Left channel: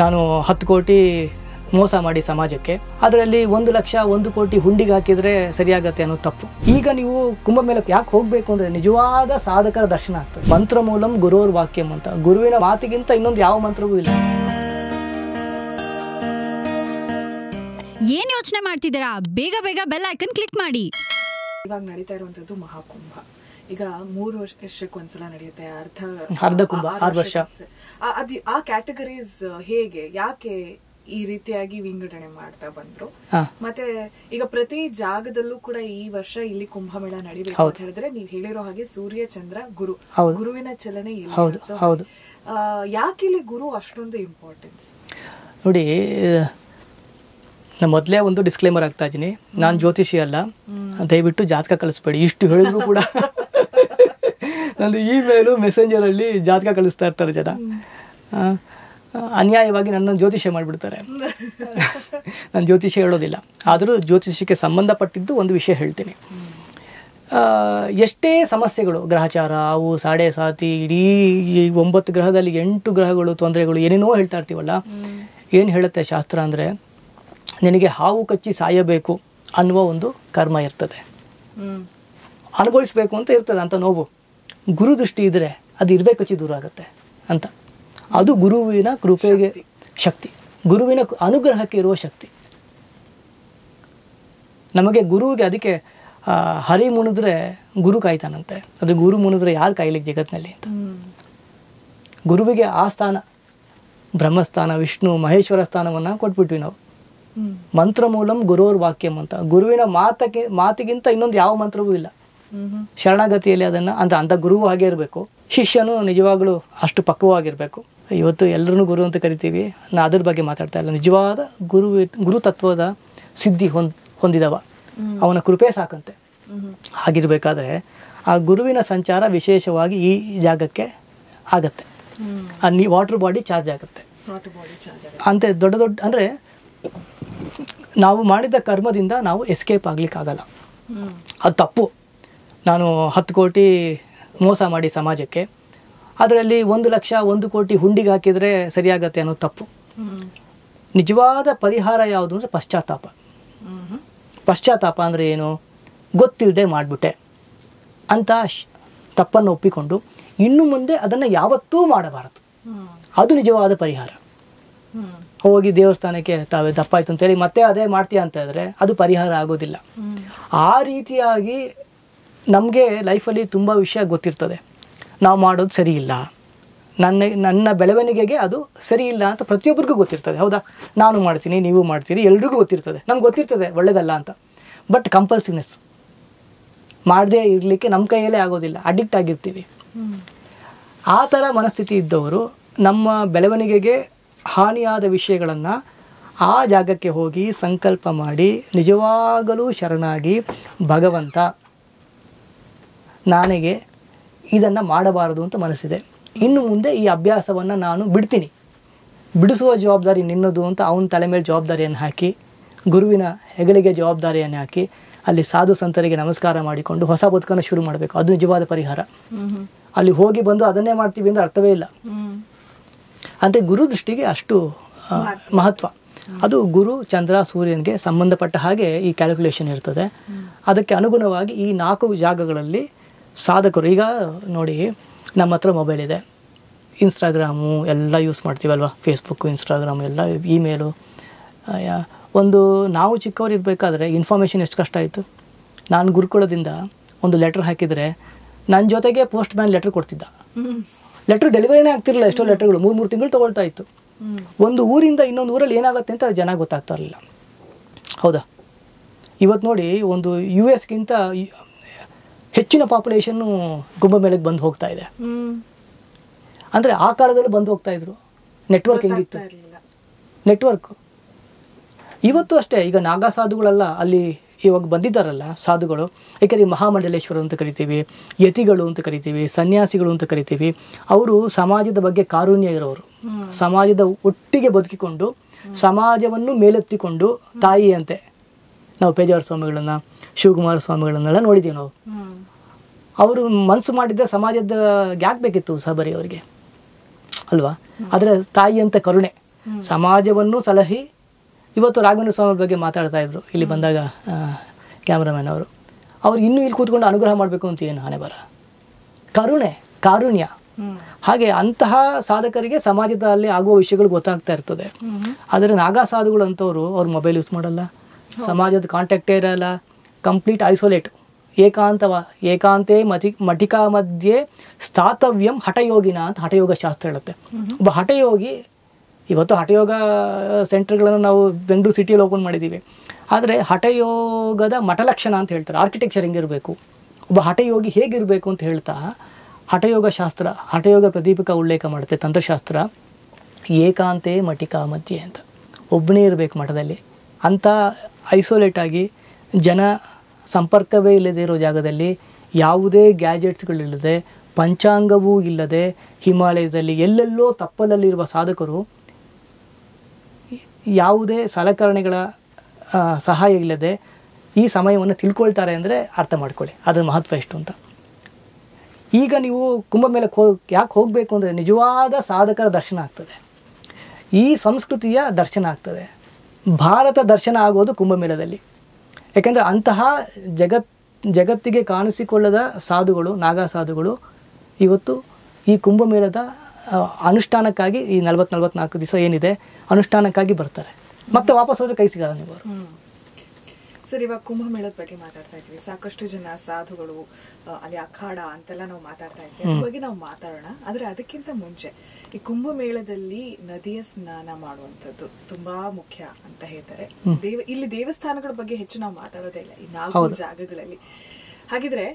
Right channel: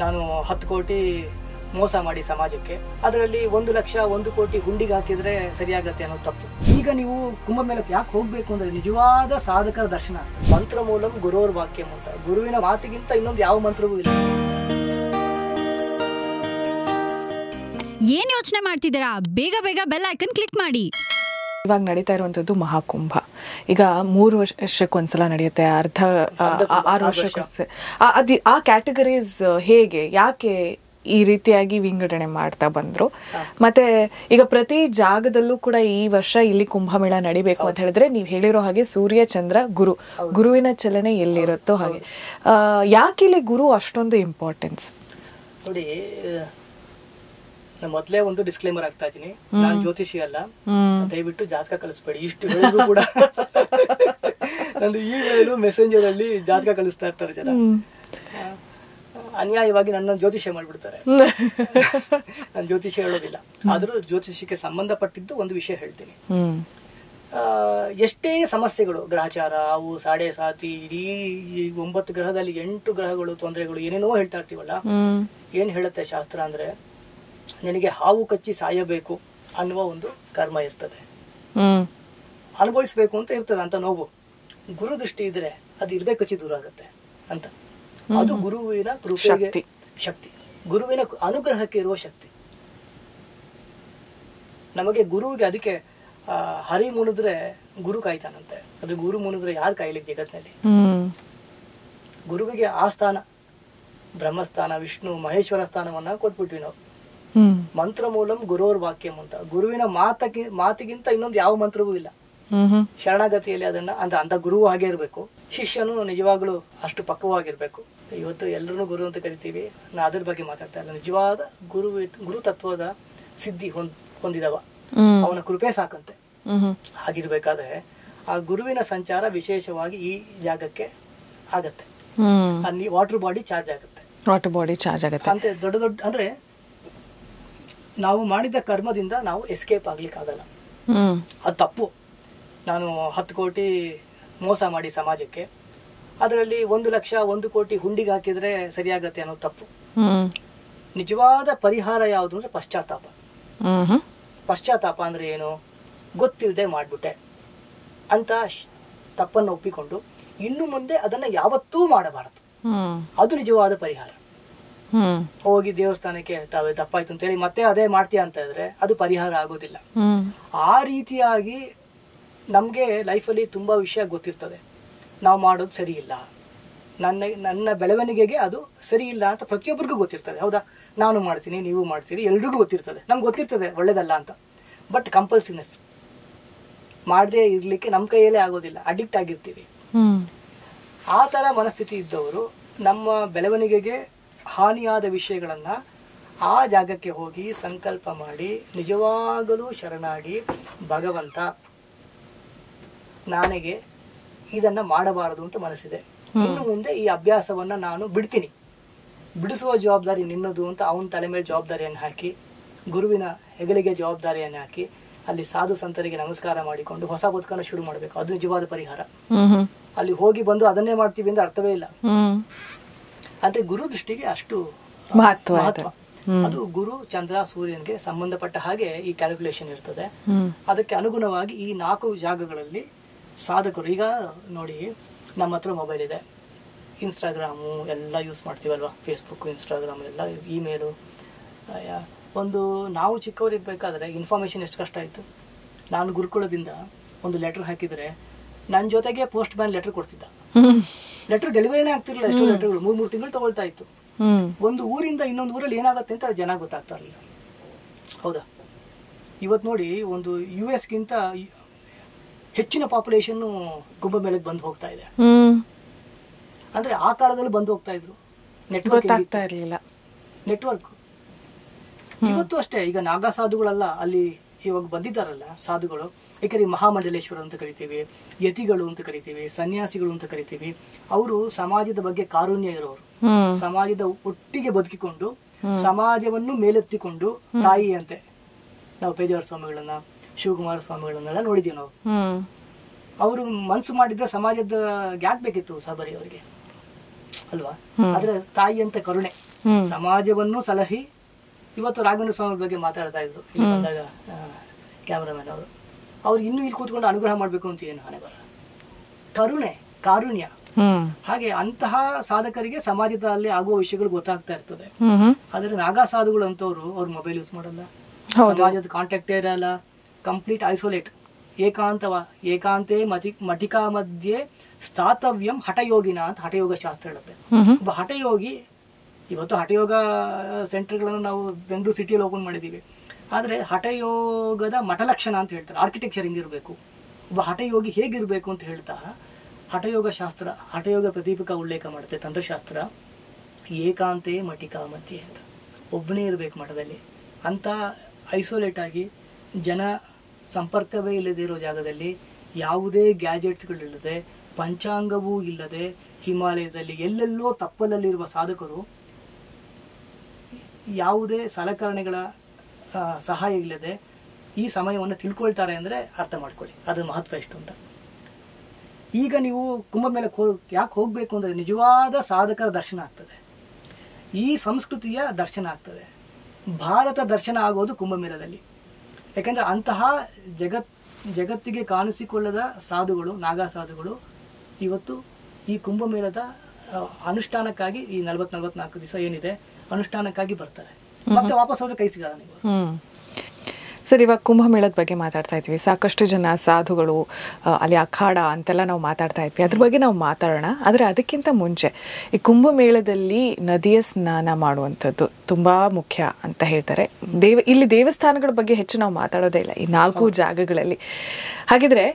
ನಾನು 10 ಕೋಟಿ ಮೋಸ ಮಾಡಿ ಸಮಾಜಕ್ಕೆ, ಅದರಲ್ಲಿ 1 ಲಕ್ಷ 1 ಕೋಟಿ ಹುಂಡಿಗೆ ಹಾಕಿದ್ರೆ ಸರಿಯಾಗತ್ತೆ ಅನ್ನೋ ತಪ್ಪು. ಈಗ ನೀವು ಕುಂಭಮೇಳಕ್ಕೆ ಯಾಕೆ ಹೋಗ್ಬೇಕು ಅಂದ್ರೆ ನಿಜವಾದ ಸಾಧಕರ ದರ್ಶನ ಆಗ್ತದೆ. ಮಂತ್ರ ಮೂಲಂ ಗುರುರ್ ವಾಕ್ಯಂ ಅಂತ, ಗುರುವಿನ ಮಾತಿಗಿಂತ ಇನ್ನೊಂದು ಯಾವ ಮಂತ್ರವೂ ಇಲ್ಲ. ಏನ್ ಯೋಚನೆ ಮಾಡ್ತಿದ್ದೀರಾ? ಬೇಗ ಬೇಗ ಬೆಲ್ ಐಕನ್ ಕ್ಲಿಕ್ ಮಾಡಿ. ಇವಾಗ ನಡೀತಾ ಇರುವಂತದ್ದು ಮಹಾಕುಂಭ. ಈಗ 3 ವರ್ಷಕ್ಕೊಂದ್ಸಲ ನಡೆಯುತ್ತೆ, ಅರ್ಧ 6 ವರ್ಷ. ಆ ಕ್ಯಾಟಗರೀಸ್ ಹೇಗೆ, ಯಾಕೆ ಈ ರೀತಿಯಾಗಿ ವಿಂಗಡಣೆ ಮಾಡ್ತಾ ಬಂದ್ರು? ಮತ್ತೆ ಈಗ ಪ್ರತಿ ಜಾಗದಲ್ಲೂ ಕೂಡ ಈ ವರ್ಷ ಇಲ್ಲಿ ಕುಂಭಮೇಳ ನಡಿಬೇಕು ಅಂತ ಹೇಳಿದ್ರೆ ನೀವ್ ಹೇಳಿರೋ ಹಾಗೆ ಸೂರ್ಯ ಚಂದ್ರ ಗುರು, ಗುರುವಿನ ಚಲನೆ ಎಲ್ಲಿರುತ್ತೋ ಹಾಗೆ. ಯಾಕೆ ಇಲ್ಲಿ ಗುರು ಅಷ್ಟೊಂದು ಇಂಪಾರ್ಟೆನ್ಸ್? ನೋಡಿ, ನಾನು ಮೊದಲೇ ಒಂದು ಡಿಸ್ಕ್ಲೇಮರ್ ಆಗ್ತಾ ಇದ್ದೀನಿ, ನಾನು ಜ್ಯೋತಿಷಿ ಅಲ್ಲ, ದಯವಿಟ್ಟು ಜಾತಕ ಕಳಿಸ್ಬೇಡಿ. ಇಷ್ಟು ಹೇಳಿದ್ರು ಕೂಡ ನಂದು ಇಮೇಲು ಮೆಸೆಂಜರ್ ಅಲ್ಲಿ ಜಾತಕ ಕಳಿಸ್ತಾ ಇರ್ತಾರೆ ಜನ, ಅನ್ಯಾಯವಾಗಿ ನನ್ನ ಜ್ಯೋತಿಷ್ಯ ಮಾಡಿಬಿಡ್ತಾರೆ. ನಾನು ಜ್ಯೋತಿಷ್ಯ ಹೇಳೋದಿಲ್ಲ, ಆದರೂ ಜ್ಯೋತಿಷ್ಯಕ್ಕೆ ಸಂಬಂಧಪಟ್ಟಿದ್ದು ಒಂದು ವಿಷಯ ಹೇಳ್ತೀನಿ. ಎಷ್ಟೇ ಸಮಸ್ಯೆಗಳು, ಗ್ರಹಚಾರ, ಅವು ಸಾಡೆ ಸಾತಿ, ಇಡೀ 9 ಗ್ರಹದಲ್ಲಿ 8 ಗ್ರಹಗಳು ತೊಂದರೆಗಳು ಏನೇನೋ ಹೇಳ್ತಾ ಇರ್ತೀವಲ್ಲ, ಏನು ಹೇಳುತ್ತೆ ಶಾಸ್ತ್ರ ಅಂದ್ರೆ, ನಿನಗೆ ಹಾವು ಕಚ್ಚಿ ಸಾಯಬೇಕು ಅನ್ನುವ ಒಂದು ಕರ್ಮ ಇರ್ತದೆ, ಅನುಭವಿಸ್ಬೇಕು ಅಂತ ಇರ್ತದೆ ಅಂತ ನೋವು. ಗುರು ದೃಷ್ಟಿ ಇದ್ರೆ ಅದು ಇರ್ಬೇಕು ಕಚ್ಚಿ ದೂರ ಆಗುತ್ತೆ ಅಂತ. ಅದು ಗುರುವಿನ ಕೃಪೆಗೆ ಶಕ್ತಿ, ಗುರುವಿನ ಅನುಗ್ರಹಕ್ಕೆ ಇರುವ ಶಕ್ತಿ. ನಮಗೆ ಗುರುವಿಗೆ ಅದಕ್ಕೆ ಹರಿ ಮುಣಿದ್ರೆ ಗುರು ಕಾಯ್ತಾನಂತೆ, ಅದು ಗುರು ಮುಣಿದ್ರೆ ಯಾರು ಕಾಯ್ಲಿಕ್ಕೆ ಜಗತ್ನಲ್ಲಿ? ಗುರುವಿಗೆ ಆ ಸ್ಥಾನ, ಬ್ರಹ್ಮಸ್ಥಾನ, ವಿಷ್ಣು ಮಹೇಶ್ವರ ಸ್ಥಾನವನ್ನ ಕೊಟ್ಬಿಟ್ವಿ ನಾವು. ಮಂತ್ರ ಮೂಲಂ ಗುರೋರ್ ವಾಕ್ಯಂ ಅಂತ, ಗುರುವಿನ ಮಾತಿಗಿಂತ ಇನ್ನೊಂದು ಯಾವ ಮಂತ್ರವೂ ಇಲ್ಲ. ಶರಣಾಗತಿಯಲ್ಲಿ ಅದನ್ನ ಅಂತ ಗುರುವು ಹಾಗೆ ಇರಬೇಕು, ಶಿಷ್ಯನು ನಿಜವಾಗ್ಲೂ ಅಷ್ಟು ಪಕ್ವವಾಗಿರ್ಬೇಕು. ಇವತ್ತು ಎಲ್ಲರನ್ನೂ ಗುರು ಅಂತ ಕರಿತೀವಿ, ನಾ ಅದ್ರ ಬಗ್ಗೆ ಮಾತಾಡ್ತಾ ಇಲ್ಲ. ನಿಜವಾದ ಗುರು ತತ್ವದ ಸಿದ್ಧಿ ಹೊಂದಿದವ, ಅವನ ಕೃಪೆ ಸಾಕಂತೆ. ಹಾಗಿರ್ಬೇಕಾದ್ರೆ ಆ ಗುರುವಿನ ಸಂಚಾರ ವಿಶೇಷವಾಗಿ ಈ ಜಾಗಕ್ಕೆ ಆಗತ್ತೆ. ವಾಟರ್ ಬಾಡಿ ಚಾರ್ಜ್ ಆಗುತ್ತೆ, ಅಂತ ದೊಡ್ಡ ದೊಡ್ಡ ಅಂದ್ರೆ ನಾವು ಮಾಡಿದ ಕರ್ಮದಿಂದ ನಾವು ಎಸ್ಕೇಪ್ ಆಗ್ಲಿಕ್ಕೆ ಆಗಲ್ಲ, ಅದು ತಪ್ಪು. ನಾನು 10 ಕೋಟಿ ಮೋಸ ಮಾಡಿ ಸಮಾಜಕ್ಕೆ, ಅದರಲ್ಲಿ 1 ಲಕ್ಷ 1 ಕೋಟಿ ಹುಂಡಿಗೆ ಹಾಕಿದ್ರೆ ಸರಿಯಾಗತ್ತೆ ಅನ್ನೋ ತಪ್ಪು. ನಿಜವಾದ ಪರಿಹಾರ ಯಾವುದು ಅಂದ್ರೆ ಪಶ್ಚಾತ್ತಾಪ. ಪಶ್ಚಾತ್ತಾಪ ಅಂದ್ರೆ ಏನು? ಗೊತ್ತಿಲ್ಲದೆ ಮಾಡ್ಬಿಟ್ಟೆ ಅಂತ ತಪ್ಪನ್ನು ಒಪ್ಪಿಕೊಂಡು ಇನ್ನು ಮುಂದೆ ಅದನ್ನ ಯಾವತ್ತೂ ಮಾಡಬಾರದು, ಅದು ನಿಜವಾದ ಪರಿಹಾರ. ಹೋಗಿ ದೇವಸ್ಥಾನಕ್ಕೆ ತಾವೇ ತಪ್ಪಾಯ್ತು ಅಂತೇಳಿ ಮತ್ತೆ ಅದೇ ಮಾಡ್ತೀಯ ಅಂತ ಇದ್ರೆ ಅದು ಪರಿಹಾರ ಆಗೋದಿಲ್ಲ. ಆ ರೀತಿಯಾಗಿ ನಮ್ಗೆ ಲೈಫಲ್ಲಿ ತುಂಬಾ ವಿಷಯ ಗೊತ್ತಿರ್ತದೆ, ನಾವು ಮಾಡೋದು ಸರಿ ಇಲ್ಲ, ನನ್ನ ಬೆಳವಣಿಗೆಗೆ ಅದು ಸರಿ ಇಲ್ಲ ಅಂತ ಪ್ರತಿಯೊಬ್ಬರಿಗೂ ಗೊತ್ತಿರ್ತದೆ. ಹೌದಾ? ನಾನು ಮಾಡ್ತೀನಿ, ನೀವು ಮಾಡ್ತೀರಿ, ಎಲ್ರಿಗೂ ಗೊತ್ತಿರ್ತದೆ, ನಮ್ಗೆ ಗೊತ್ತಿರ್ತದೆ ಒಳ್ಳೇದಲ್ಲ ಅಂತ. ಬಟ್ ಕಂಪಲ್ಸಿವ್ನೆಸ್ ಮಾಡದೇ ಇರ್ಲಿಕ್ಕೆ ನಮ್ಮ ಕೈಯಲ್ಲೇ ಆಗೋದಿಲ್ಲ, ಅಡಿಕ್ಟ್ ಆಗಿರ್ತೀವಿ. ಆ ಥರ ಮನಸ್ಥಿತಿ ಇದ್ದವರು ನಮ್ಮ ಬೆಳವಣಿಗೆಗೆ ಹಾನಿಯಾದ ವಿಷಯಗಳನ್ನ ಆ ಜಾಗಕ್ಕೆ ಹೋಗಿ ಸಂಕಲ್ಪ ಮಾಡಿ ನಿಜವಾಗಲೂ ಶರಣಾಗಿ, ಭಗವಂತ ನನಗೆ ಇದನ್ನ ಮಾಡಬಾರದು ಅಂತ ಮನಸ್ಸಿದೆ, ಇನ್ನು ಮುಂದೆ ಈ ಅಭ್ಯಾಸವನ್ನ ನಾನು ಬಿಡ್ತೀನಿ, ಬಿಡಿಸುವ ಜವಾಬ್ದಾರಿ ನಿನ್ನದು ಅಂತ ಅವನ ತಲೆ ಮೇಲೆ ಜವಾಬ್ದಾರಿಯನ್ನು ಹಾಕಿ, ಗುರುವಿನ ಹೆಗಲಿಗೆ ಜವಾಬ್ದಾರಿಯನ್ನು ಹಾಕಿ, ಅಲ್ಲಿ ಸಾಧು ಸಂತರಿಗೆ ನಮಸ್ಕಾರ ಮಾಡಿಕೊಂಡು ಹೊಸ ಬದುಕನ್ನು ಶುರು ಮಾಡಬೇಕು. ಅದು ನಿಜವಾದ ಪರಿಹಾರ. ಅಲ್ಲಿ ಹೋಗಿ ಬಂದು ಅದನ್ನೇ ಮಾಡ್ತೀವಿ ಅಂದ್ರೆ ಅರ್ಥವೇ ಇಲ್ಲ. ಅಂದ್ರೆ ಗುರು ದೃಷ್ಟಿಗೆ ಅಷ್ಟು ಮಹತ್ವ. ಅದು ಗುರು ಚಂದ್ರ ಸೂರ್ಯನಿಗೆ ಸಂಬಂಧಪಟ್ಟ ಹಾಗೆ ಈ ಕ್ಯಾಲ್ಕುಲೇಷನ್ ಇರ್ತದೆ. ಅದಕ್ಕೆ ಅನುಗುಣವಾಗಿ ಈ 4 ಜಾಗಗಳಲ್ಲಿ ಸಾಧಕರು, ಈಗ ನೋಡಿ ನಮ್ಮ ಹತ್ರ ಮೊಬೈಲ್ ಇದೆ, ಇನ್ಸ್ಟಾಗ್ರಾಮು ಎಲ್ಲ ಯೂಸ್ ಮಾಡ್ತೀವಲ್ವ, ಫೇಸ್ಬುಕ್ಕು, ಇನ್ಸ್ಟಾಗ್ರಾಮು ಎಲ್ಲ, ಇಮೇಲು. ಒಂದು ನಾವು ಚಿಕ್ಕವರು ಇರಬೇಕಾದ್ರೆ ಇನ್ಫಾರ್ಮೇಷನ್ ಎಷ್ಟು ಕಷ್ಟ ಆಯಿತು. ನಾನು ಗುರುಕುಲದಿಂದ ಒಂದು ಲೆಟರ್ ಹಾಕಿದರೆ ನನ್ನ ಜೊತೆಗೆ ಪೋಸ್ಟ್ ಮ್ಯಾನ್ ಲೆಟರ್ ಕೊಡ್ತಿದ್ದ. ಲೆಟರ್ ಡೆಲಿವರಿನೇ ಆಗ್ತಿರಲಿಲ್ಲ, ಎಷ್ಟೋ ಲೆಟರ್ಗಳು 3 ತಿಂಗಳು ತಗೊಳ್ತಾ ಇತ್ತು. ಒಂದು ಊರಿಂದ ಇನ್ನೊಂದು ಊರಲ್ಲಿ ಏನಾಗುತ್ತೆ ಅಂತ ಜನ ಗೊತ್ತಾಗ್ತಾ ಇರಲಿಲ್ಲ. ಹೌದಾ? ಇವತ್ತು ನೋಡಿ, ಒಂದು US-ಗಿಂತ ಹೆಚ್ಚಿನ ಪಾಪ್ಯುಲೇಷನ್ ಕುಂಭಮೇಳಕ್ಕೆ ಬಂದು ಹೋಗ್ತಾ ಇದೆ. ಅಂದ್ರೆ ಆ ಕಾಲದಲ್ಲಿ ಬಂದು ಹೋಗ್ತಾ ಇದ್ರು, ನೆಟ್ವರ್ಕ್. ಇವತ್ತು ಅಷ್ಟೇ. ಈಗ ನಾಗಾ ಸಾಧುಗಳೆಲ್ಲ ಅಲ್ಲಿ ಇವಾಗ ಬಂದಿದ್ದಾರಲ್ಲ ಸಾಧುಗಳು, ಏಕೆಂದರೆ ಮಹಾಮಂಡಲೇಶ್ವರ ಅಂತ ಕರಿತೀವಿ, ಯತಿಗಳು ಅಂತ ಕರಿತೀವಿ, ಸನ್ಯಾಸಿಗಳು ಅಂತ ಕರಿತೀವಿ. ಅವರು ಸಮಾಜದ ಬಗ್ಗೆ ಕಾರುಣ್ಯ ಇರೋರು, ಸಮಾಜದ ಒಟ್ಟಿಗೆ ಬದುಕಿಕೊಂಡು ಸಮಾಜವನ್ನು ಮೇಲೆತ್ತಿಕೊಂಡು ತಾಯಿಯಂತೆ. ನಾವು ಪೇಜಾವರ ಸ್ವಾಮಿಗಳನ್ನ, ಶಿವಕುಮಾರ ಸ್ವಾಮಿಗಳನ್ನೆಲ್ಲ ನೋಡಿದೀವಿ ನಾವು. ಅವರು ಮನ್ಸು ಮಾಡಿದ್ರೆ ಸಮಾಜದ ಯಾಕೆ ಬೇಕಿತ್ತು ಸಬರಿ ಅವರಿಗೆ, ಅಲ್ವಾ? ಆದ್ರೆ ತಾಯಿ ಅಂತ ಕರುಣೆ, ಸಮಾಜವನ್ನು ಸಲಹಿ. ಇವತ್ತು ರಾಘವೇಂದ್ರ ಸ್ವಾಮಿ ಬಗ್ಗೆ ಮಾತಾಡ್ತಾ ಇದ್ರು ಇಲ್ಲಿ ಬಂದಾಗ ಕ್ಯಾಮ್ರಾಮನ್ ಅವರು. ಅವ್ರು ಇನ್ನೂ ಇಲ್ಲಿ ಕೂತ್ಕೊಂಡು ಅನುಗ್ರಹ ಮಾಡಬೇಕು ಅಂತ ಏನು ಹಣೆ ಬರ, ಕರುಣೆ, ಕಾರುಣ್ಯ. ಹಾಗೆ ಅಂತಹ ಸಾಧಕರಿಗೆ ಸಮಾಜದಲ್ಲಿ ಆಗುವ ವಿಷಯಗಳು ಗೊತ್ತಾಗ್ತಾ ಇರ್ತದೆ. ಆದ್ರೆ ನಾಗಾ ಸಾಧುಗಳು ಅಂತವ್ರು ಅವ್ರ ಮೊಬೈಲ್ ಯೂಸ್ ಮಾಡಲ್ಲ, ಸಮಾಜದ ಕಾಂಟ್ಯಾಕ್ಟೇ ಇರಲ್ಲ, ಕಂಪ್ಲೀಟ್ ಐಸೋಲೇಟ್, ಏಕಾಂತೆ ಮಟಿಕಾ ಮಧ್ಯೆ ಸ್ಥಾತವ್ಯಂ ಹಠಯೋಗಿನ ಅಂತ ಹಠಯೋಗ ಶಾಸ್ತ್ರ ಹೇಳುತ್ತೆ. ಒಬ್ಬ ಹಠಯೋಗಿ, ಇವತ್ತು ಹಠಯೋಗ ಸೆಂಟರ್ಗಳನ್ನು ನಾವು ಬೆಂಗಳೂರು ಸಿಟಿಯಲ್ಲಿ ಓಪನ್ ಮಾಡಿದ್ದೀವಿ. ಆದರೆ ಹಠಯೋಗದ ಮಠಲಕ್ಷಣ ಅಂತ ಹೇಳ್ತಾರೆ. ಆರ್ಕಿಟೆಕ್ಚರ್ ಹೆಂಗಿರಬೇಕು, ಒಬ್ಬ ಹಠಯೋಗಿ ಹೇಗಿರಬೇಕು ಅಂತ ಹೇಳ್ತಾ ಹಠಯೋಗ ಶಾಸ್ತ್ರ, ಹಠಯೋಗ ಪ್ರದೀಪಿಕ ಉಲ್ಲೇಖ ಮಾಡುತ್ತೆ ತಂತ್ರಶಾಸ್ತ್ರ. ಏಕಾಂತೆ ಮಟಿಕಾ ಮಧ್ಯೆ ಅಂತ, ಒಬ್ಬನೇ ಇರಬೇಕು ಮಠದಲ್ಲಿ. ಅಂಥ ಐಸೋಲೇಟ್ ಆಗಿ ಜನ ಸಂಪರ್ಕವೇ ಇಲ್ಲದೆ ಇರೋ ಜಾಗದಲ್ಲಿ, ಯಾವುದೇ ಗ್ಯಾಜೆಟ್ಸ್ಗಳಿಲ್ಲದೆ, ಪಂಚಾಂಗವೂ ಇಲ್ಲದೆ, ಹಿಮಾಲಯದಲ್ಲಿ ಎಲ್ಲೆಲ್ಲೋ ತಪ್ಪಲಲ್ಲಿರುವ ಸಾಧಕರು ಯಾವುದೇ ಸಲಕರಣೆಗಳ ಸಹಾಯ ಇಲ್ಲದೆ ಈ ಸಮಯವನ್ನು ತಿಳ್ಕೊಳ್ತಾರೆ ಅಂದರೆ ಅರ್ಥ ಮಾಡ್ಕೊಳ್ಳಿ ಅದರ ಮಹತ್ವ ಎಷ್ಟು ಅಂತ. ಈಗ ನೀವು ಕುಂಭಮೇಳಕ್ಕೆ ಯಾಕೆ ಹೋಗಬೇಕು ಅಂದರೆ ನಿಜವಾದ ಸಾಧಕರ ದರ್ಶನ ಆಗ್ತದೆ, ಈ ಸಂಸ್ಕೃತಿಯ ದರ್ಶನ ಆಗ್ತದೆ. ಭಾರತ ದರ್ಶನ ಆಗೋದು ಕುಂಭಮೇಳದಲ್ಲಿ. ಯಾಕೆಂದರೆ ಅಂತಹ ಜಗತ್ತಿಗೆ ಕಾಣಿಸಿಕೊಳ್ಳದ ಸಾಧುಗಳು, ನಾಗಾ ಸಾಧುಗಳು ಇವತ್ತು ಈ ಕುಂಭಮೇಳದ ಅನುಷ್ಠಾನಕ್ಕಾಗಿ ಈ 40-44 ದಿವಸ ಏನಿದೆ ಅನುಷ್ಠಾನಕ್ಕಾಗಿ ಬರ್ತಾರೆ. ಮತ್ತೆ ವಾಪಸ್ ಹೋದ್ರೆ ಕೈ ಸಿಗಲ್ಲ ನೀವು. ಸರ್, ಇವಾಗ ಕುಂಭಮೇಳದ ಬಗ್ಗೆ ಮಾತಾಡ್ತಾ ಇದ್ವಿ. ಸಾಕಷ್ಟು ಜನ ಸಾಧುಗಳು ಅಲ್ಲಿ ಅಖಾಡ ಅಂತೆಲ್ಲ ನಾವು ಮಾತಾಡ್ತಾ ಇದ್ವಿ, ಅದ್ರ ಬಗ್ಗೆ ನಾವು ಮಾತಾಡೋಣ. ಆದರೆ ಅದಕ್ಕಿಂತ ಮುಂಚೆ ಈ ಕುಂಭಮೇಳದಲ್ಲಿ ನದಿಯ ಸ್ನಾನ ಮಾಡುವಂಥದ್ದು ತುಂಬಾ ಮುಖ್ಯ ಅಂತ ಹೇಳ್ತಾರೆ. ಇಲ್ಲಿ ದೇವಸ್ಥಾನಗಳ ಬಗ್ಗೆ ಹೆಚ್ಚು ನಾವು ಮಾತಾಡೋದೇ ಇಲ್ಲ ಈ 4 ಜಾಗಗಳಲ್ಲಿ. ಹಾಗಿದ್ರೆ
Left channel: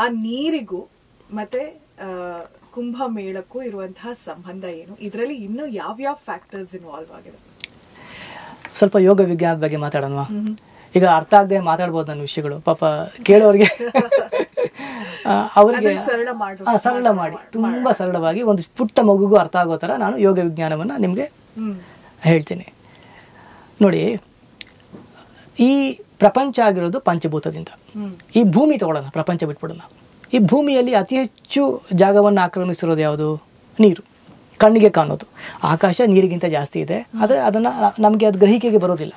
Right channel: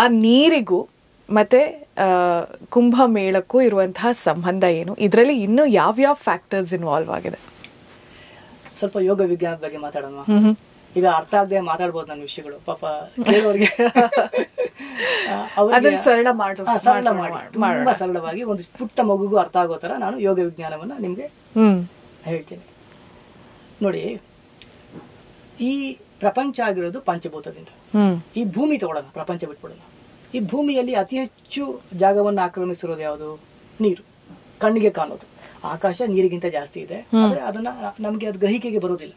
ಆ ನೀರಿಗೂ ಮತ್ತೆ ಕುಂಭಮೇಳಕ್ಕೂ ಇರುವಂತಹ ಸಂಬಂಧ ಏನು? ಇದರಲ್ಲಿ ಇನ್ನೂ ಯಾವ್ಯಾವ ಫ್ಯಾಕ್ಟರ್ಸ್ ಇನ್ವಾಲ್ವ್ ಆಗಿದೆ? ಸ್ವಲ್ಪ ಯೋಗ ವಿಜ್ಞಾನದ ಬಗ್ಗೆ ಮಾತಾಡೋಣ. ಈಗ ಅರ್ಥ ಆಗದೆ ಮಾತಾಡ್ಬೋದು ನನ್ನ ವಿಷಯಗಳು, ಪಾಪ ಕೇಳೋರಿಗೆ ಅವರಿಗೆ ಸರಳ ಮಾಡಿ ತುಂಬಾ ಸರಳವಾಗಿ ಒಂದು ಪುಟ್ಟ ಮಗುಗೂ ಅರ್ಥ ಆಗೋ ತರ ನಾನು ಯೋಗ ವಿಜ್ಞಾನವನ್ನ ನಿಮ್ಗೆ ಹೇಳ್ತೀನಿ. ನೋಡಿ, ಈ ಪ್ರಪಂಚ ಆಗಿರೋದು ಪಂಚಭೂತದಿಂದ. ಈ ಭೂಮಿ ತಗೊಳ್ಳೋಣ, ಪ್ರಪಂಚ ಬಿಟ್ಬಿಡೋಣ. ಈ ಭೂಮಿಯಲ್ಲಿ ಅತಿ ಹೆಚ್ಚು ಜಾಗವನ್ನು ಆಕ್ರಮಿಸಿರೋದು ಯಾವುದು? ನೀರು, ಕಣ್ಣಿಗೆ ಕಾಣೋದು. ಆಕಾಶ ನೀರಿಗಿಂತ ಜಾಸ್ತಿ ಇದೆ, ಆದ್ರೆ ಅದನ್ನ ನಮ್ಗೆ ಅದು ಗ್ರಹಿಕೆಗೆ ಬರೋದಿಲ್ಲ.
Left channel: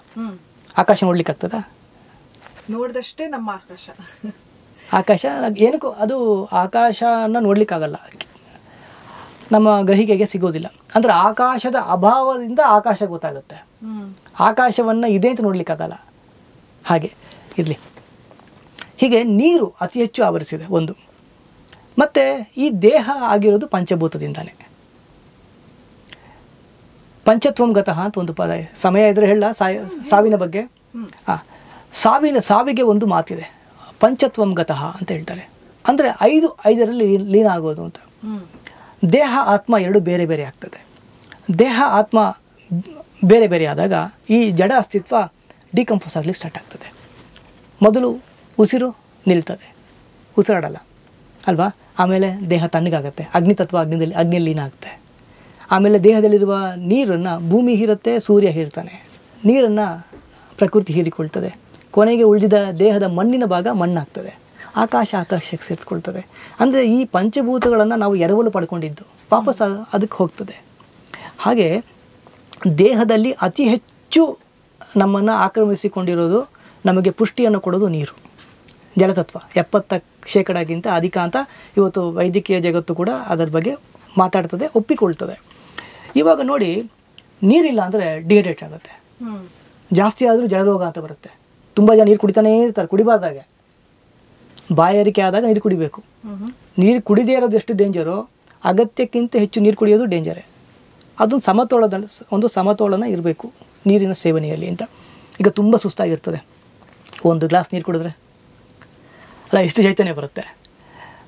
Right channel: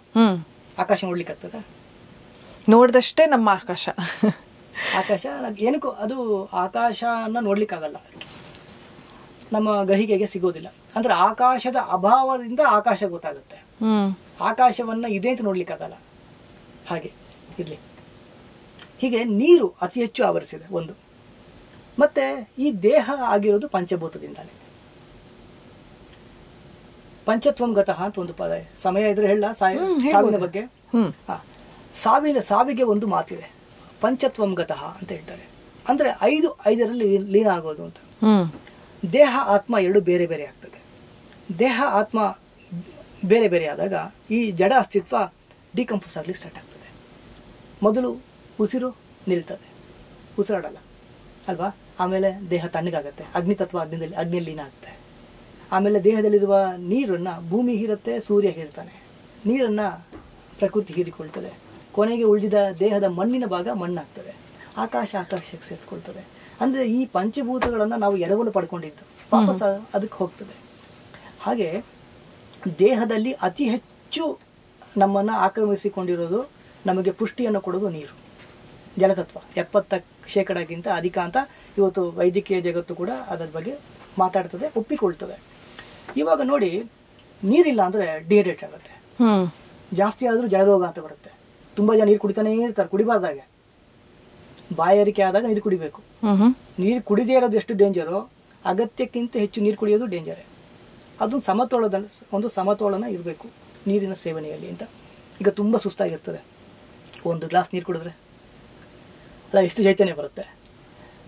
ಆಕಾಶ ನೋಡ್ಲಿಕ್ಕೆ ಆಗ್ತದ? ನೋಡಿದಷ್ಟೇ ನಮ್ಮ ಆಕಾಶ ಏನಕ್ಕೂ ಅದು ಆಕಾಶನ ನೋಡ್ಲಿಕ್ಕಾಗಲ್ಲ, ನಮ್ಮ ಗ್ರಹಿಕೆಗೆ ಸಿಗೋದಿಲ್ಲ. ಅಂದ್ರೆ ಆಕಾಶದ ಅಭಾವದಿಂದ ಆಕಾಶ ಗೊತ್ತಾಗುತ್ತೆ, ಆಕಾಶವನ್ನ ಇದೆ ಅಂತ ನೋಡ್ಲಿಕ್ಕಾಗಲ್ಲ. ಹಾಗೆ ಇರ್ಲಿ. ಹೀಗೆ ನೀರು ಅತಿ ಹೆಚ್ಚು ಆವರಿಸಿದೆ ಒಂದು. ಮತ್ತೆ ಈ ದೇಹ ಆಗಿರೋದು ಪಂಚಭೂತದಿಂದಾನೆ. ಪಂಚತ್ವಂ ಗತಃ ಅಂತ ಒಂದು ಪದ. ಸಮಯ ಇದ್ರೆ ಹೇಳ ಸಾವಿನ ಬಗ್ಗೆ. ಸಾವಿಗೆ ಒಂದು ಮಾತಿದೆ, ಪಂಚತ್ವಂ ಗತಃ ಅಂತ ಹೇಳ್ತಾರೆ. ಅಂದ್ರೆ 5ರಲ್ಲಿ ಲೀನ ಆಗೋದು ಅಂತ. ದೇಹ ಆತ್ಮ ಎರಡು ಬೇರೆ ಬೇರೆ ಆಗ್ತದೆ. ದೇಹ ಆತ್ಮ ಬೇರೆ ಬೇರೆ ಆದಾಗ ಈ ಜಡ ಅಸ್ತಿತ್ವ ಡಿಕಂಪೋಸ್ ಆಗ್ಲಿಕ್ಕೆ ಸ್ಟಾರ್ಟ್ ಆಗ್ತದೆ. ಮೊದಲು ಉಸಿರು ನಿಲ್ತದೆ, ಉಸಿರಾಡಲ್ಲ ಅಲ್ವಾ. ಆಮೇಲೆ ದೇಹ ತಣ್ಣಗಾಗತ್ತೆ, ಅಗ್ನಿತತ್ವ ಅಗ್ನಿಯಲ್ಲಿ ಲೀನ ಆಗುತ್ತೆ. ಆಮೇಲೆ ದೇಹದಲ್ಲಿರುವ ನೀರನ್ನು ಭೂಮಿ ಹೀರುತ್ತೆ, ಸೂರ್ಯ ಹೀರ್ತಾನೆ. ನೀರನ್ನು ಪ್ರಕೃತಿ ಹೀರಿಕೊಳ್ತದೆ. ಕೊನೆಗೆ ಉಳಿದಿದ ದೇಹದ ಮಣ್ಣಿನ ಭಾಗ ಮಣ್ಣಾಗ್ತದೆ, ಆಕಾಶಕ್ಕೆ ಸೇರಿಸ್ಕೊಳ್ತದೆ. ಅಂದರೆ ಈ ಪಂಚಭೂತಗಳನ್ನು ನಾವು ಎರವಲು ಪಡ್ಕೊಂಡಿದ್ದು ವಾಪಸ್ ಅದಕ್ಕೆ ಹೋಗ್ತದೆ. ಹಾಗೆ ದೇಹದಲ್ಲಿ ಅತಿ ಹೆಚ್ಚು ನಮ್ಮನ್ನು ಆಕ್ರಮಿಸಿಕೊಂಡಿರೋದು, ನಮಗೆ ಪುಷ್ಟಿಯನ್ನು ಕೊಡೋದು ನೀರು, ಜಲತತ್ವ. 70% ಅಧಿಕ ಅಂತ ಇವತ್ತು ವೈದ್ಯಕೀಯ ಜಗತ್ತು ಕೂಡ ಅದರ ಬಗ್ಗೆ ಮಾತಾಡ್ತದೆ, ಒಪ್ಪಿಕೊಳ್ತದೆ. ಇವಾಗ ನೋಡಿ, ನೀರಿಲ್ಲ ಅಂದರೆ ಡಿಹೈಡ್ರೇಟ್ ಆಗುತ್ತೆ, ಜಾಸ್ತಿ ಆದರೂ ಜಲರೋಗ ಅಂತ ಬರುತ್ತೆ. ತುಂಬ ಜನ ನೀರು ಕುಡಿತಾನೇ ಇರ್ತಾರೆ, ಕುಡಿಬಾರ್ದಾಗೆ. ಬಾಯಾರಿಕೆ ಆದಾಗ ನೀರು ಕುಡಿಬೇಕು. ನೀರು ಕುಡಿದೇ ಇರೋದು ಎಷ್ಟು ಡೇಂಜರು, ಅಗತ್ಯಕ್ಕಿಂತ ಹೆಚ್ಚು ನೀರು ಕುಡಿಯೋದು ಡೇಂಜರೇ. ಅದು ಒಂದು ಸಮತೋಲನ ಇರಬೇಕು ನೀರಿನ ಸೇವನೆಯಲ್ಲಿ ಅಂತ. ಈಗ ತುಂಬ ಸುಸ್ತಾಗಿರ್ತದೆ, ಒಂದು ಗ್ಲಾಸ್ ನೀರು ಕುಡಿದ್ರೆ ಅಲ್ಲ ಎಷ್ಟು ಚೈತನ್ಯ ಬರುತ್ತೆ.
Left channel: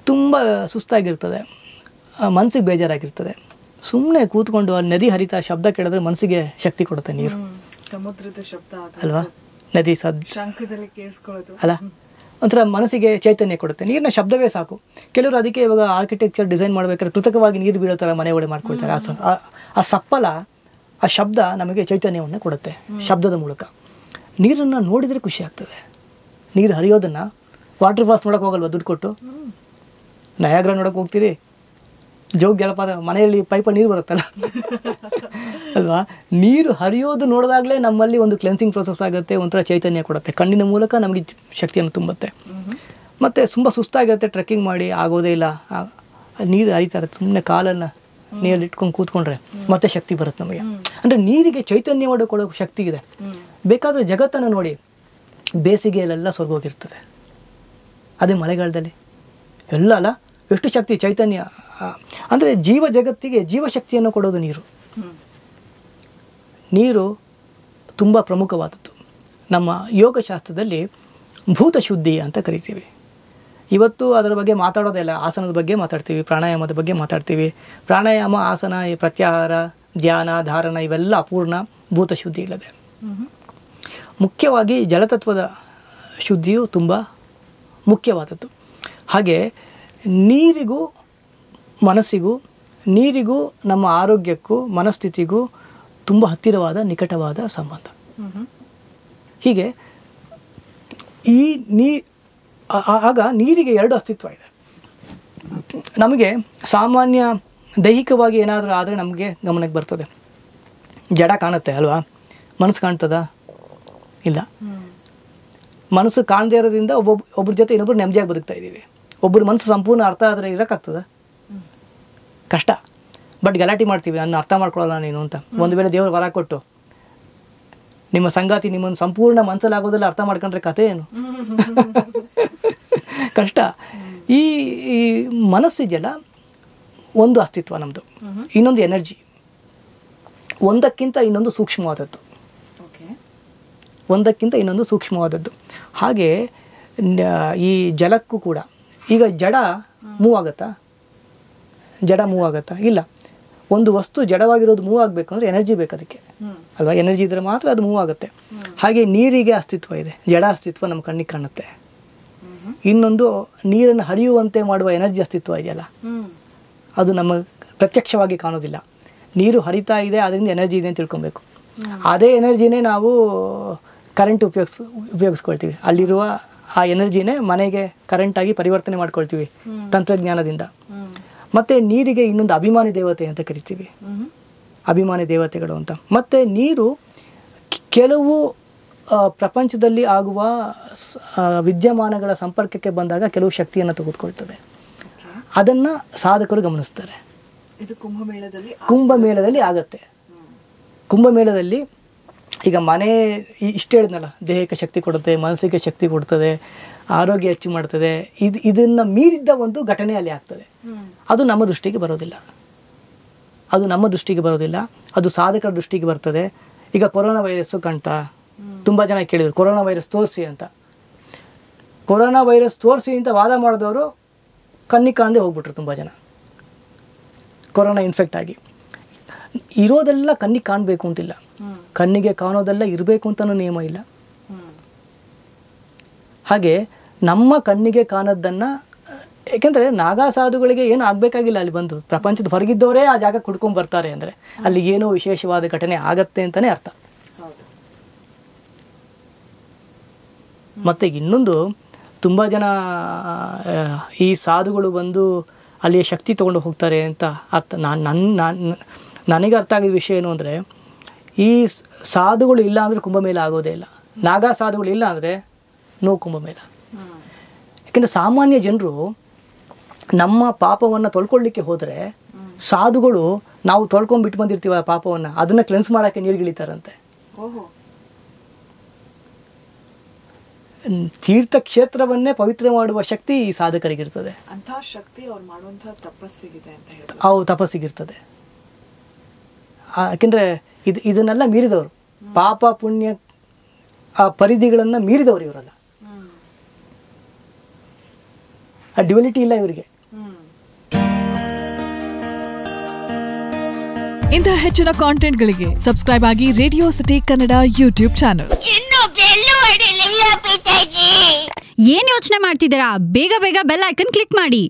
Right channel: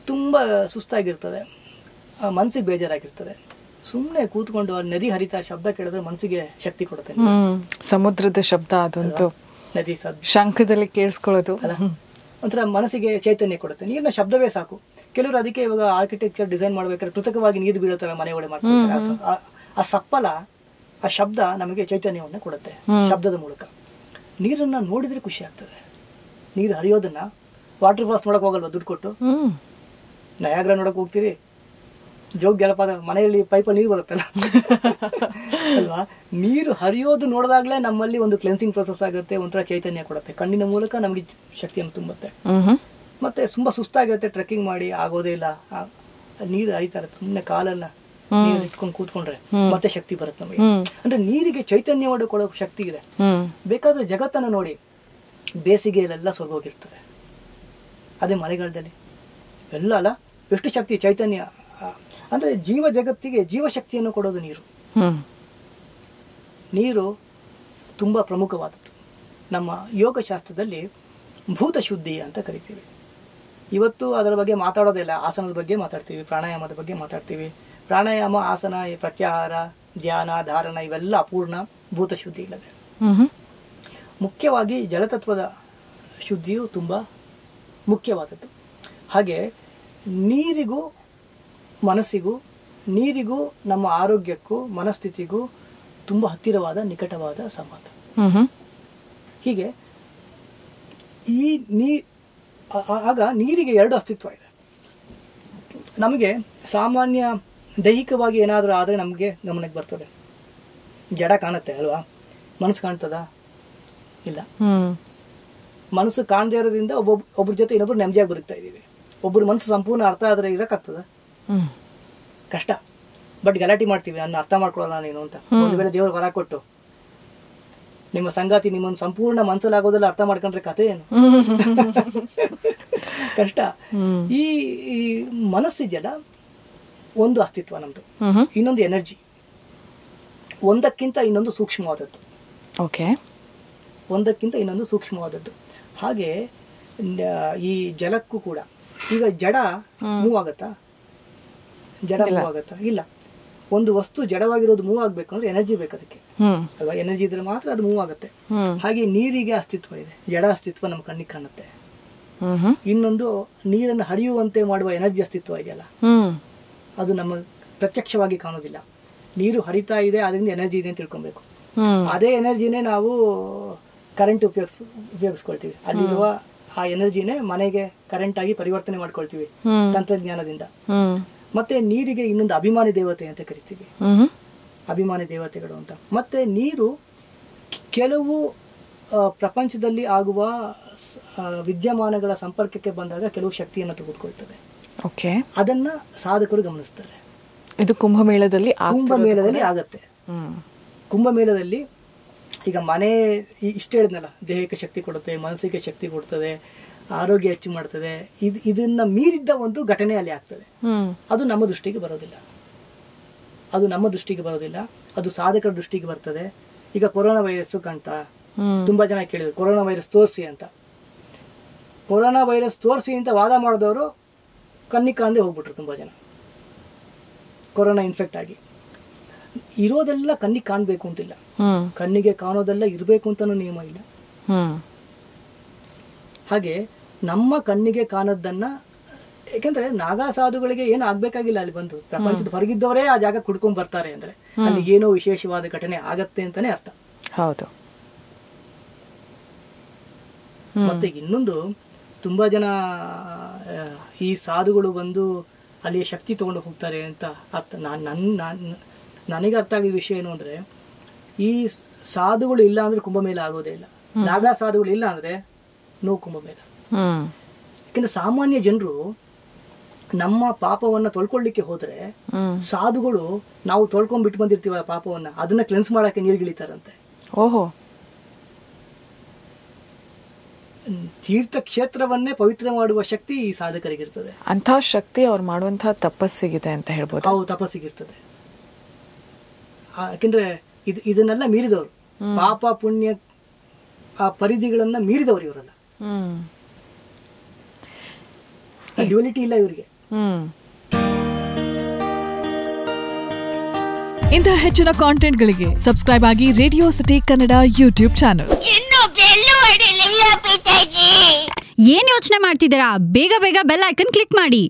ತುಂಬ ಸುಸ್ತಾಗಿರ್ತದೆ, ಮನಸ್ಸಿಗೆ ಬೇಜಾರಾಗಿರ್ತದೆ. ಸುಮ್ಮನೆ ಕೂತ್ಕೊಂಡು ಆ ನದಿ ಹರಿತಾ ಶಬ್ದ ಕೇಳಿದ್ರೆ ಮನಸ್ಸಿಗೆ ಶಕ್ತಿ ಕೊಡುತ್ತೆ. ನೀರು, ಸಮುದ್ರದ ಶಬ್ದ ಅದು, ನದಿ ಶಂಖದಲ್ಲಿ ಕೇಳಿಸ್ಕೊಳ್ಳೋದು ಅಲ್ಲ, ಒಂಥರ ಮನಸ್ಸಿಗೆ ಚೈತನ್ಯ ಕೊಡುತ್ತೆ. ನೀರಿನ ಶಬ್ದವೇ ಸಾಕು. ಕೆಲವರು ಅದಕ್ಕೆ ಇವಾಗ ಆರ್ಕಿಟೆಕ್ಚರ್ ಡಿಸೈನ್ ಮಾಡ್ಬೇಕಾದ್ರೆ ಕೃತಕವಾಗಿ ನೀರು ಬೀಳೋ ಥರ ಮನೆ ಒಡೆ ಮಾಡ್ಕೊಳ್ತಾರೆ. ಆ ಸಪ್ಪಲ, ಆ ಶಬ್ದ ನಮಗೆ ಚೈತನ್ಯವನ್ನು ಕೊಡುತ್ತೆ ಶಬ್ದದ ಮೂಲಕ. ನೀರನ್ನು ನೋಡಿದ್ರೆ ಖುಷಿ ಆಗ್ತದೆ. ನೀರು ಹರಿಯೋದನ್ನ ವಾಟರ್ ಫಾಲ್ಸ್ ನೋಡಕ್ ಹೋಗಲ್ವಾ ದುಡ್ಡು ಕೊಟ್ಟು? ನಯಾಗ್ರ ನೋಡಕ್ ಹೋಗ್ತೀರಿ, ಜೋಗ ಜಲಪಾತ ಮನೆಯಲ್ಲಿ ಪೈಪ ನೀರು ಬರುತ್ತಲ್ಲ ಅಲ್ವಾ, ನೀರು ಹರಿಯೋದು ನೋಡಿದಾಗಲೇ ನಮ್ಮಲ್ಲಿ ಒಂದು ಕ್ಲೆನ್ಸಿಂಗ್ ಪ್ರೊಸೆಸ್ ಆಗುತ್ತೆ, ಒಂಥರ ಚೈತನ್ಯ ಕೊಡುತ್ತೆ, ಕಣ್ಣಿನ ಮೂಲಕ ನಮಗೆ ಶಕ್ತಿಯನ್ನು ತುಂಬುತ್ತೆ. ಮತ್ತೆ ತುಂಬ ಸುಸ್ತಾಗಿರುತ್ತೆ, ಟ್ರೆಕ್ಕಿಂಗ್ ಮಾಡಿ ಆಗೋದೇ ಇಲ್ಲ, ನೀರು ಹರಿತಾ ಇರುತ್ತೆ, ಸುಮ್ಮನೆ ಕಾಲೆಲ್ಲ ನೀರಲ್ಲಿ ಇಟ್ಕೊಂಡು ಕೂತ್ಕೊಂಡ್ರೆ ಮತ್ತೆ ಶಕ್ತಿ ಬರುತ್ತೆ ನಮಗೆ. ಅಂದ್ರೆ ನೀರಿಗೆ ಚೈತನ್ಯ ಕೊಡೋ ಶಕ್ತಿ ಇದೆ. ಬೇಕಾದ್ರೆ ಜಗತ್ತನ್ನು ನೋಡಿ, ಬೇಸಿಗೆಯಲ್ಲೆಲ್ಲ ಸ್ವರ್ಗೋಗಿರ್ತದೆ, ಅದೇ ಮಳೆಗಾಲದಲ್ಲಿ ಎಲ್ಲ ಅಲ್ಲ, ಎಷ್ಟು ಶಕ್ತಿ ಚೈತನ್ಯ. ಅಂದ್ರೆ ಜೀವ ಜಗತ್ತಿಗೆ ಜೀವಶಕ್ತಿಯನ್ನು ಕೊಡೋದು ನೀರು. ನೀರು ತುಂಬ ಪ್ರಮುಖವಾದದ್ದು. ನಮ್ಮ ಯೋಗಶಾಸ್ತ್ರದಲ್ಲಿ ಭೂತ ಶುದ್ಧಿ ಅಂತ ಕರಿತೀವಿ. ಇವತ್ತು ಅದರ ಬಗ್ಗೆ ಮಾತಾಡೋದಿಲ್ಲ, ಆಸನದ ಬಗ್ಗೆ ಮಾತಾಡ್ತೀವಿ, ಪ್ರಾಣಾಯಾಮದ ಬಗ್ಗೆ ಮಾತಾಡ್ತೀವಿ. ಪ್ರಾಣಾಯಾಮ, ಆಸನ, ಪ್ರತ್ಯಾಹಾರ, ಧ್ಯಾನ, ಧಾರಣ ಇವೆಲ್ಲ ಅಪೂರ್ಣ, ಭೂತ ಶುದ್ಧಿ ಇಲ್ಲದೆ. ಮುಖ್ಯವಾಗಿ ಜಲತತ್ವದ ಶುದ್ಧಿಯು ತುಂಬ ಮುಖ್ಯವಾದದ್ದು. ಹಾಗೆ ನೀರಿಗೂ ಮನಸ್ಸಿಗೂ, ನೀರಿಗೂ ನಮ್ಮ ಆರೋಗ್ಯಕ್ಕೂ ಮನಸ್ಥಿತಿಗೂ ತುಂಬ ಹತ್ತಿರವಾದ ನಿಕಟವಾದ ಸಂಬಂಧ. ಹೀಗೆ ಆಗ ನೀರಿಗೆ ಎರಡು ಅಸ್ತಿತ್ವ ಇದೆ. ನಮಗೆ ಸಾಮಾನ್ಯ ದೈಹಿಕವಾಗಿ ಏನಾದರೂ ಆದರೆ ನಮಗೆ ಗಮನಕ್ಕೆ ಬರ್ತದೆ, ಜಡ ಕಾಣುತ್ತೆ ಅಲ್ವಾ, ಮನಸ್ಸು ಕಾಣ್ತದ? ಇಲ್ಲ. ಮನಸ್ಸು ಕಾಣದೇ ಇರೋದ್ರಿಂದ ಒಬ್ಬರ ಜೊತೆ ಇನ್ನೊಬ್ರು ನೆಮ್ಮದಿಯಾಗಿ ಬದುಕ್ತಾ ಇದ್ದೀವಿ. ಒಬ್ಬರು ಮನಸ್ಸು ಸಂಪೂರ್ಣ ಅರ್ಥ ಆದರೆ ಇರೋಕ್ಕಾಗ್ತದ? ಕಷ್ಟ. ಬಟ್ ಗಲಾಟೆ ಮಾಡ್ತೀವಿ, ನಾನು ಅರ್ಥ ಮಾಡ್ಕೊಳ್ಳೋಲ್ಲ ನೀನು ಅಂತ. ಒಂದು ವೇಳೆ ದೇವರು ವರ ಕೊಟ್ಟು ನಿಮ್ಮ ಸಂಗಾತಿ ನಿಮ್ಮನ್ನು ಸಂಪೂರ್ಣ ಮನಸ್ಸಲ್ಲಾಗೋದೆಲ್ಲ ಅರ್ಥ ಮಾಡ್ಕೊಂಡ್ರೆ ಕಥೆ ಏನು? ಕಷ್ಟ. ಈ ಮನಸ್ಸಿದೆಯಲ್ಲ, ಒಂದು ಅಸ್ತಿತ್ವ ನಮ್ದು, ಇನ್ನೊಂದು ಎನರ್ಜಿ, ಒಂದಕ್ಕಿಂತ ಇನ್ನೊಂದು ಸೂಕ್ಷ್ಮವಾದದ್ದು. ಓಕೆ, ಒಂದಕ್ಕಿಂತ ಇನ್ನೊಂದು ಸೂಕ್ಷ್ಮವಾದದ್ದು. ಹಾಗೆ ಈ ಜಲಕ್ಕೂ ಕೂಡ, ಈಗ ಜಡ ಮೂವ್ ಆಗತ್ತಾ? ಜಡ ಮೂವ್ ಆಗತ್ತಾ? ಇಲ್ಲ. ಒಂದು ವಸ್ತು ಜಡವಾಗಿರೋದು ಮೂವ್ ಆಗ್ಬೇಕು ಅಂದ್ರೆ ಎನರ್ಜಿ ಬೇಕು ಅದಕ್ಕೆ ಅಲ್ವಾ? ಎನರ್ಜಿ ಇದ್ರೆ ಮಾತ್ರ ಅದು ಮೂವ್ ಆಗುತ್ತೆ. ಹಾಗೆ ನೀರಿಗೆ ಅಸ್ತಿತ್ವ ಇದೆ, ಜಡ ಅಸ್ತಿತ್ವ ನಮ್ಮ ಕಣ್ಣಿಗೆ ಕಾಣುತ್ತೆ. ಇನ್ನೊಂದು ನೀರನ್ನು ಹರಿಯುವಂತೆ ಮಾಡುವ ಎನರ್ಜಿ ಅಸ್ತಿತ್ವ ಇದೆಯಲ್ಲ, ಅದು ನಮ್ಮ ಪ್ರತ್ಯಕ್ಷವಾಗಿ ಕಾಣೋದಿಲ್ಲ. ನೀರು ಹರಿತಾ ಇದೆ, ಅದರಿಂದ ಎನರ್ಜಿ ಇದೆ ಅಂತ ತಿಳ್ಕೊಬೇಕು. ಅದೇ ಎನರ್ಜಿನೇ ನಾವು ಕರೆಂಟ್ ಉಪಯೋಗಿಸ್ಕೊಳ್ತೀವಿ. ಅಲ್ಲಿರುವ ಆ ಎನರ್ಜಿನೇ ಮನೆಗೆ ಕರೆಂಟ್ ಆಗಿ ಪರಿವರ್ತನೆ ಮಾಡ್ಕೊಳ್ತೀವಿ ತಂತ್ರಜ್ಞಾನದಿಂದ. ಮತ್ತೆ ನೀರಿಗೆ ಇನ್ನೊಂದು ಅಭಿಮಾನಿ ದೇವತೆ ಅಂತ ಕರಿತೀವಿ, ಅಭಿಮಾನಿ ದೇವತೆಗಳು ಅಂತ. ಮತ್ತೆ ನೀರು ಕೆಲವು ಪ್ರಪಂಚದಲ್ಲಿ ಆಗುವ ವಿದ್ಯಮಾನಗಳ ಸಂಪರ್ಕಕ್ಕೆ ಬಂದಾಗ ಕೆಲವು ಶಕ್ತಿಯನ್ನು ತೆಗೆದುಕೊಳ್ತದೆ. ಓಕೆ, ಅದನ್ನ ಸಾಧಕರು ಗಮನಿಸ್ತಾರೆ. ಇದು ಕುಂಭಮೇಳದಲ್ಲಿ ಆಗತ್ತೆ. ಕುಂಭಮೇಳದಲ್ಲಿ ಈಗ ಮನೆ ಇಷ್ಟ ಹೇಳಿದ್ನಲ್ಲ, ದೇಹಕ್ಕೆ ಶಕ್ತಿ ಕೊಡುತ್ತೆ, ಮನಸ್ಸಿಗೆ ಶಕ್ತಿ ಕೊಡ್ತದೆ, ಆರೋಗ್ಯ ಹೆಚ್ಚು ಮಾಡ್ತದೆ. ಇದನ್ನ ಮೀರಿದ್ದ ಒಂದು ಘಟನೆ ಅಲ್ಲಿ ಆಗ್ತದೆ. ಅದು ನಮ್ಮ ದೃಷ್ಟಿಗೆ ಬರೋದಿಲ್ಲ, ಅದು ಸಾಧಕರ ದೃಷ್ಟಿಗೆ ಬರ್ತದೆ. ಈಗ ಕೊರೋನಾ ವೈರಸ್ ಕಾಣ್ತಾ, ತುಂಬಾ ಜನ ಕೇಳಿದ್ರು ಕೊರೋನಾ ವೈರಸ್ ತೋರಿಸಿ ಅಂತ. ಕೊರೋನಾ ವೈರಸ್ ತೋರಿಸಿ ಅಂತ ವಾದ ಮಾಡಿದವರು ಕಣ್ಣಿಗೆ ಕಾಣದೆ ಹೋಗ್ಬಿಟ್ರು ತುಂಬಾ ಜನ, ಕೊರೋನಾ ಇನ್ಫೆಕ್ಟ್ ಆಗಿ. ಇರೋದೆಲ್ಲ ಕಣ್ಣಿಗೆ ಕಾಣಬೇಕು ಅಂತಿಲ್ಲ, ಕಣ್ಣಿಗೆ ಕಾಣೋದೆಲ್ಲ ಇರಬೇಕು ಅಂತಾನೂ ನಿಯಮ ಇಲ್ಲ. ಹಾಗೆ ನಮ್ಮ ಕಣ್ಣಿಗೆ ಕಾಣೋದನ್ನ, ಯಾಕೆಂದ್ರೆ ನಾಗಾ ಸಾಧುಗಳಿಗೆ ಏನು ಆಗ್ಬೇಕಾಗಿಲ್ಲ, ಅಲ್ಲಿ ಬಂದು ಪ್ರಪಂಚದ ಹೊರಗಿದ್ದವರೇ ಆ ಜಾಗ ಕುಡ್ಕೊಂಡ್ ಬರ್ತಾರೆ ಅಂದ್ರೆ ಅಲ್ಲಿ ಏನೋ ವಿಶೇಷವಾದ ಘಟನೆ ಆಗತ್ತೆ ಅಂತಾನೆ ಅರ್ಥ. ಹೌದು. ಮತ್ತೆ ಇನ್ನೊಂದು, ತುಂಬಾ ಜನ ಈ ಸಾಧುಗಳು ಬಂದು ಅಲ್ಲಿಯ ಶಕ್ತಿ ತಗೊಂಡು ಹೋಗ್ತಾರೆ ಅಂತ ಅರ್ಥ. ನನಗೆ ಅರ್ಥ ಆಗಿದ ವಿಷಯ ಏನು ಅಂದ್ರೆ, ಈ ಸಾಧುಗಳು ಇಲ್ಲ ಅಂದ್ರೆ ಕುಂಭಮೇಳ ಆಗೋದೇ ಇಲ್ಲ, ನಾಗಾ ಸಾಧುಗಳು ಇಲ್ಲ ಅಂದ್ರೆ ನೋ ಕುಂಭಮೇಳ. ಯಾಕಂದ್ರೆ ಸಾಮಾನ್ಯ ಜನರು ನಮ್ಮ ಪಾಪವನ್ನ ತೊಳ್ಕೊಳ್ಳಿಕ್ಕೆ ಹೋದ್ರೆ, ಸಾಧುಗಳು ನಾವು ತೊಳ್ಕೊಂಡ್ಬಿಟ್ಟು ಬಂದಿರ್ತೀವ ಪಾಪವನ್ನ, ಅದನ್ನ ಕ್ಲೆನ್ಸ್ ಮಾಡಕ್ಕೆ ನೀರ್ಗಿಳಿತಾರಂತೆ. ಓಹೋ. ತೀರ್ಥಕ್ಷೇತ್ರವನ್ನೇ ಪವಿತ್ರ ಮಾಡುವ ಶಕ್ತಿ ಈ ಸಾಧಕರಿಗಿರ್ತದೆ. ಅಂತಹ ಶಕ್ತಿ ಅವ್ರು ಮಾಡುವಂತಹ ತಪಸ್ಸಿಗಿದೆ ಅಂತ ಹೇಳ್ಬೋದು. ಅವು ತಪಸ್ಸಿಗಿರ್ತದೆ. ಯಾಕೆಂದ್ರೆ ಇದನ್ನೆಲ್ಲ ಮೀರಿದವರು, ಪಾಪ ಪುಣ್ಯ ಆ ಪರಿಧಿಗಳನ್ನ ಮೀರಿದವರು ಇವರಲ್ಲ. ಆ ಡ್ಯುಯಾಲಿಟಿ ಇಲ್ಲ ಇವರಿಗೆ. ಇಂತಹ ಹೆಚ್ಚಿನ ಕಾಂಟೆಂಟ್ಗಳಿಗೆ ಸಬ್ಸ್ಕ್ರೈಬ್ ಆಗಿ radio city Kannada YouTube channel. ಏನ್ ಯೋಚನೆ ಮಾಡ್ತಿದ್ದೀರಾ? ಬೇಗ ಬೇಗ ಬೆಲ್ ಐಕನ್ ಕ್ಲಿಕ್ ಮಾಡಿ.